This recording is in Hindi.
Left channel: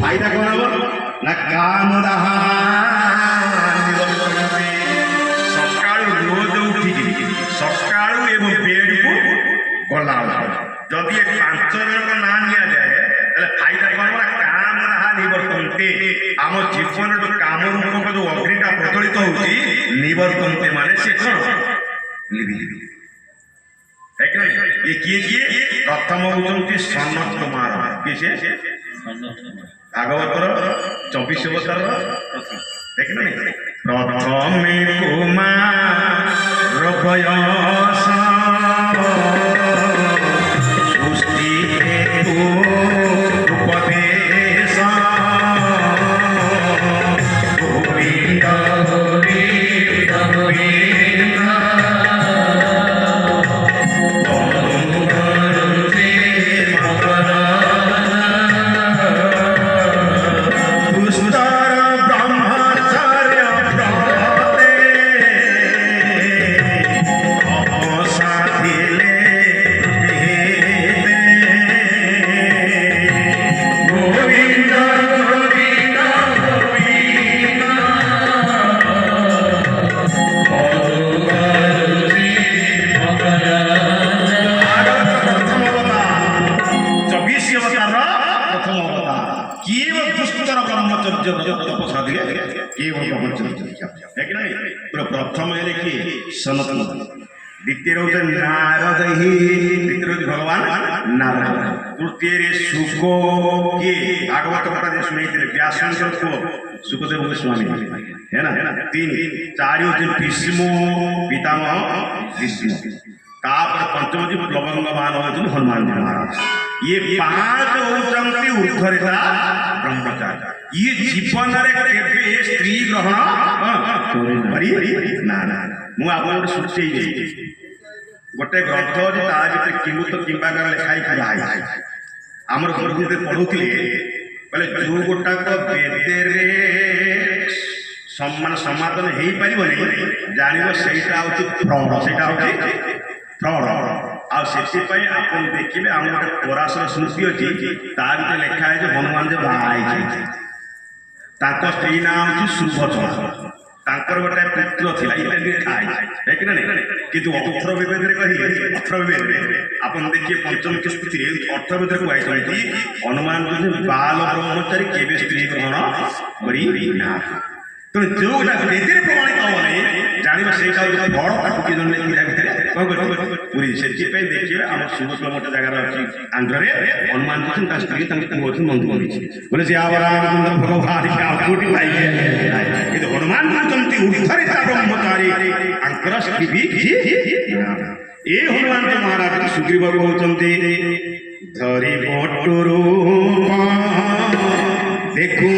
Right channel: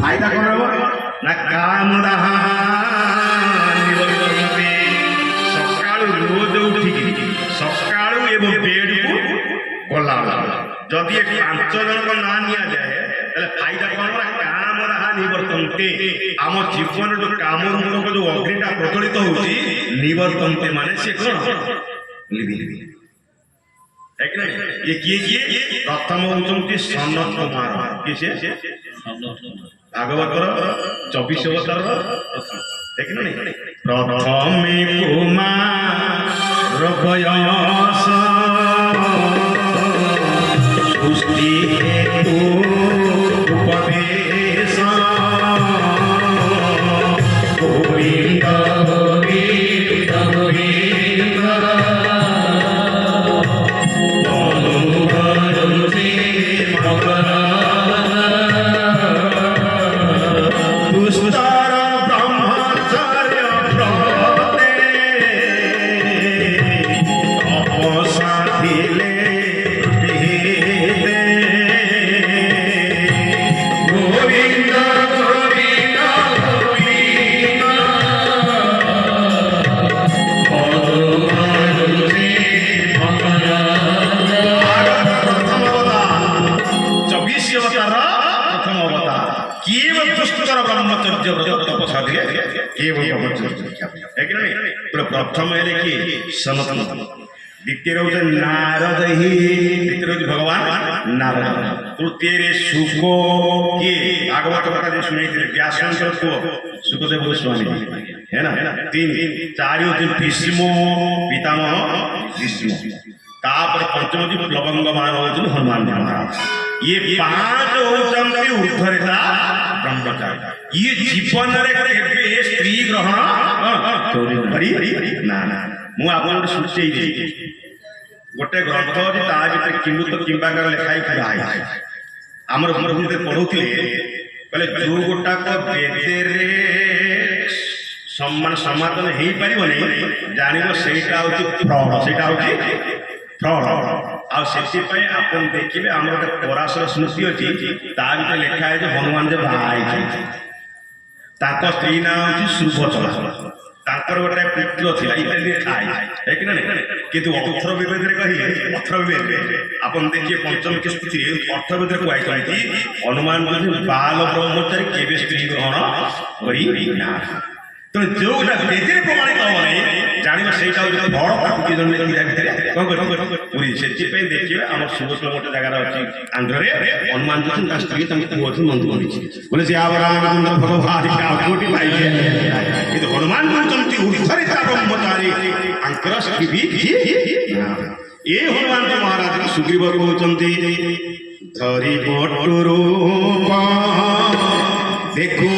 फायदा कौन हो ना काम रहा सकाळु रोज उठिकी सकाळु एवं बेड को गला जदि 5 जन को ना निया जाए ताले फायदा कौन ना काम रहा निवर्तन्ते आम जीवन जो काम रूप जो अग्निटा प्रज्वलित होउची निवर्तन्ते माने से कौन लिबि है कि नहीं ये किए प्रथम होउचंती सनत कुमार किसे भागवतर 24 अवतार देख नहीं प्रथमे कुमार प्रयास सृष्टि हेतु उपदेश गोविंद गोविंद प्रथम सनातन द्वितीय नारद ही द्वितीय भगवान नारद तृतीय शुक किए भागवत कथा जो शुणी व्यासंकर पुओ सुखदेव गोस्वामी है ना 3 4 भीष्म पितामह भीष्म तापर पंचम जी लवंगमान होती हनुमान जी महाराज ये 5 होती ऊर्धरेता ब्रह्मचारी ये जीवन स्त्री ग्रहण ना ना मु आप सूचे गोटे ग्रंथ ता भर किमुत किंबाकर लिखाई पढ़ाई आमर गुरुदेव पढ़ुले बोले जो गोटाक बेदे सम्मान समाधान हो पार जान से फ्रड से फ्रड आपाई आप देखिए आम गोटे पराशर स्मृति अच्छी ता भर लिखा है हनुमान जो बाहर स्त्री ना हूँ सुभद्रा गोटे पुत्र था लिखा है कि किंतु अर्थविभेद कहे अर्थविभेद आप देखिए पंचम की स्मृति अर्थविभेद कहते हनुमान बाल ब्रह्मचारी केवे स्त्री ग्रहण करना तेणु जो बेदे प्रमाणित हम ना जानवे से बड़ पाटुकी जन कौन पूरी से देखिए आम सुरत गोटे जगार अच्छी आंध्र हनुमान जी स्त्री नंदू बोले जे रामचंद्र भगवान कोटी पाइले कि हनुमान कहते ऊर्धरिता ब्रह्मचारी आंकर ये हनुमान जी महाराज सुग्रीव कहते धरी बटुरू देखू